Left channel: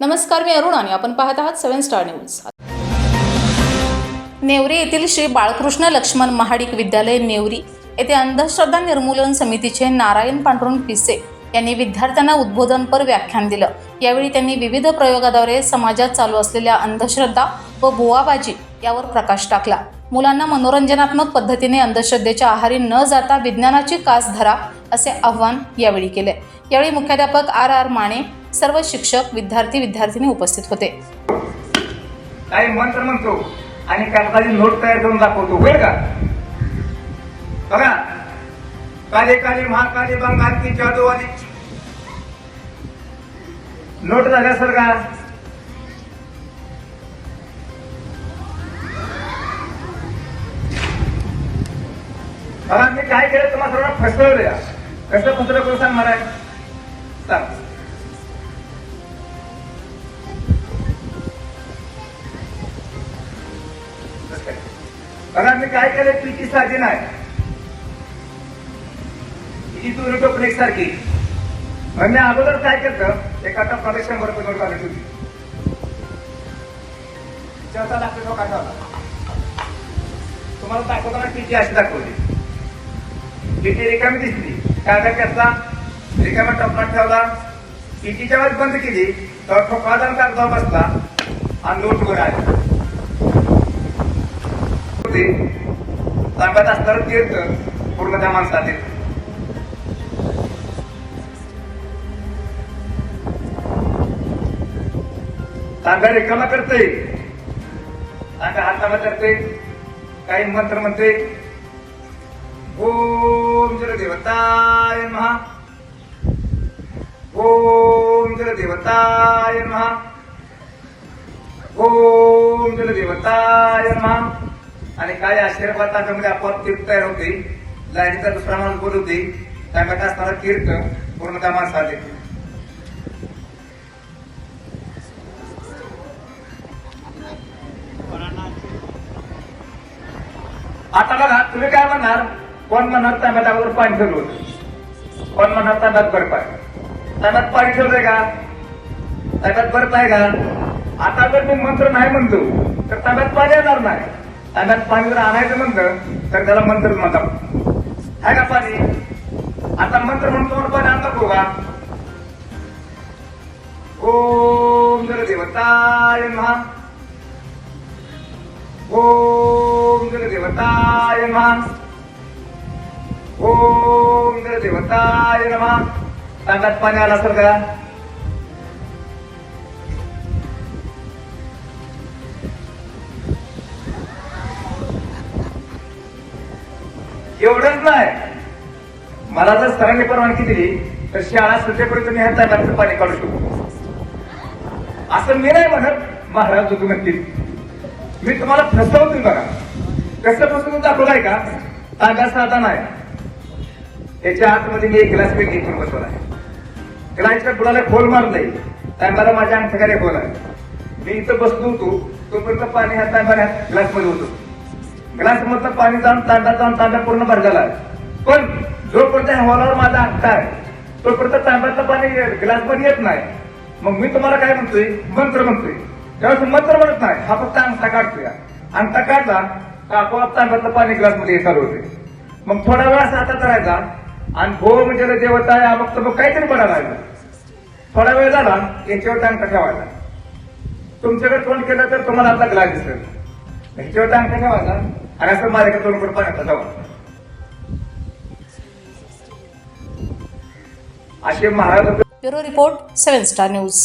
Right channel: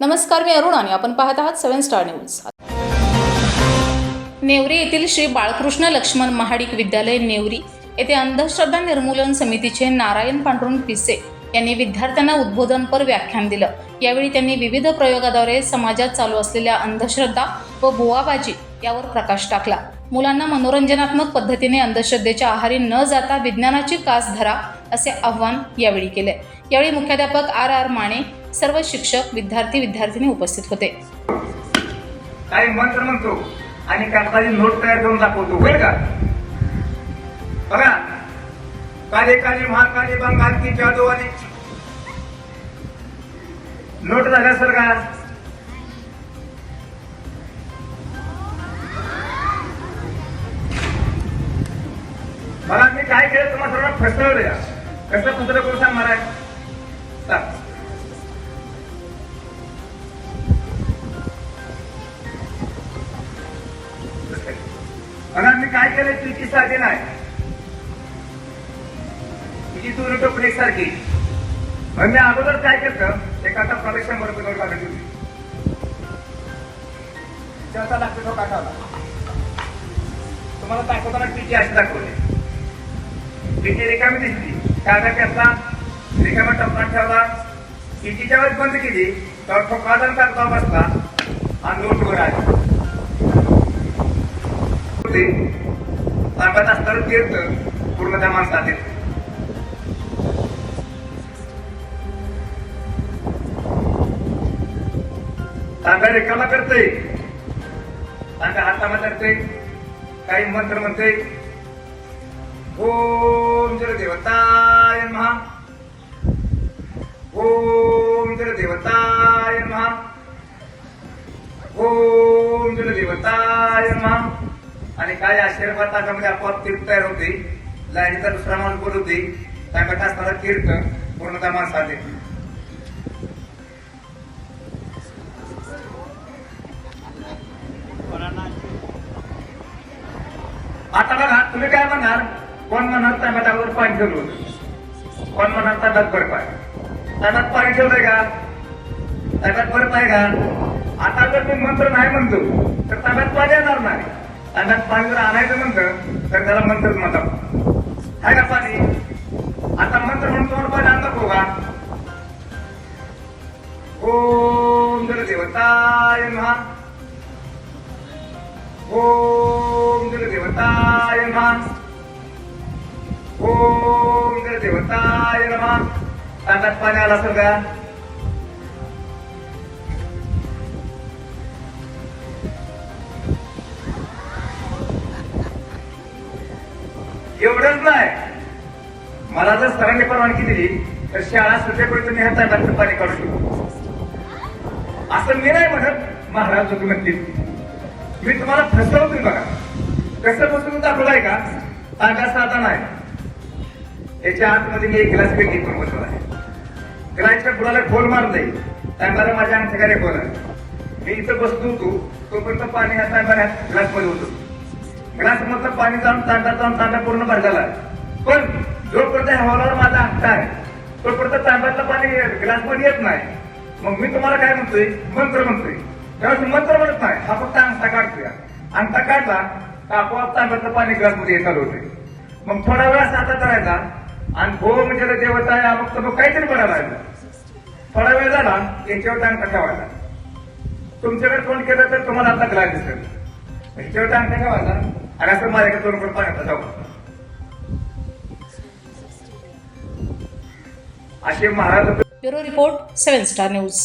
नमस्कार मी अरुण आणि आपण पाहत आहात सेव्हन स्टार न्यूज. नेवरी येथील श्री बाळकृष्ण लक्ष्मण महाडिक विद्यालय नेवरी येथे अंधश्रद्धा निर्मूलन समितीचे नारायण पांडुरंग पिसे यांनी विद्यार्थ्यांना उद्बोधनपर व्याख्यान दिलं. यावेळी त्यांनी विविध प्रयोगाद्वारे समाजात चालू असलेल्या अंधश्रद्धा व बुवाबाजी यावर प्रकाश टाकला. मुलांना मनोरंजनात्मक पद्धतीने अंधश्रद्धेच्या आहारी न जाता विज्ञानाची कास धरा असे आव्हान यावेळी केले. यावेळी मुख्याध्यापक आर आर माने सर्व शिक्षक विद्यार्थी विद्यार्थिनी उपस्थित होते. काही मंत्र म्हणतो आणि कागदाची नोट तयार करून दाखवतो. बरं का? बघा. काले काले महाकाले बंगाल की जादूवाली नोट झाल्या सर का? बघा मी काय केलं तुम्हाला सर्वांना फसवलं या कसं फसवलं करून सांगणार आहे सांग. आम्ही काय केलं तुझी सारखी नाही. तुझी तू रिटोपण एक सारखी. मग मी अगोदर काय करत एका तासामध्ये शंभर रुपये नोट काढली होती चौथा लागतो तो काढावा तुम्हाला दाखवताना किती अशी दाखवली. किती रिकामी दिसली. काय काय त्याचा रिकाम्या टप्पा ठेवला. कितीच्या वेळेस बंद केली. तर ठोकादार बसला. आणि नोट वर होते. ताकद असणारं तीर्थ पूर्ण त्या माणसात येत तांगा रिकामा करते तांगा हातामा करते काही मंत्र म्हणते ओम जर देवताय महा ओम जर देवताय महा ओम जर देवताय महा आणि काय आशीर्वाद तांब्यामध्ये म्हणजे आपोआप तीर्थ तयार होते लाईनीचा दुसरा माणूस बोल होती तांब्यात असणारा तीर्थ पूर्ण त्या माणसाले आता बघा तुम्ही काय म्हणणार कोण म्हणणार तांब्यावर पाणी ठेवलो कोण म्हणणार तांब्यात बर्फ आहे तांब्यात पाणी ठेवलंय का? ताब्यात बर्फ आहे का? आता जर मी मंत्र नाही म्हणतो तर ताब्यात पाणी येणार नाही. ताब्यात पाणी जर आणायचं म्हणतं तर त्याला मंत्र म्हणतात. हाय का पाणी आता मंत्र म्हणून तुम्हाला पाणी आणलं नको का ओम जर देवताय महा ओम जर देवताय महा ओम जर देवताय महा तांब्यात पाणी आला असेल का? नाही मला जर सरांनी परवानगी दिली तर शाळा सुटेपर्यंत मी ह्या तांब्याचं पाणी काढू शकतो. असं मी नाही म्हणत महाराज तुम्ही म्हणतील. मी तुम्हाला फसवतो बघा. कसं फसवून दाखवलाय का? ताब्या साधा नाही. त्याच्या आतमध्ये मी एक ग्लास पेट घेऊन बसवला आहे. ग्लासच्या बुडाला खोल मारलंय. तांब्याला माझ्या अंगठ्याने बोला मी इथं बसलो होतो तोपर्यंत पाणी ह्या तांब्या ग्लासमध्ये होतो. ग्लासमधलं पाणी जाऊन तांडा जाऊन तांडा पूर्ण भरलेला आहे. पण जोपर्यंत ह्या हॉलावर माझा हक्क आहे तोपर्यंत तांडातलं पाणी ग्लास येत नाही. मग मी तुम्हाला काय म्हणतोय? मंत्र म्हणतोय. त्यावेळेस मंत्र म्हणत नाही. हा फक्त अंगठा काढतोय. अंगठा काढला तर आपोआप तांडातलं पाणी ग्लासमध्ये मध्ये होते. मग थोडा वेळ असा करायचा आणि भो म्हणजे देवता आहे मग तर मग काहीतरी बनायला थोडा वेळ झाला याच्यावर अंगठा ठेवायचा. तुमच्याकडे फोन केलं तर तुम्हाला आता ग्लास दिसेल. याच्यावर अंगठा ठेवायचा. आणि असं माझ्याकडे तोंड करून असे Maharaj bureau report seven star news.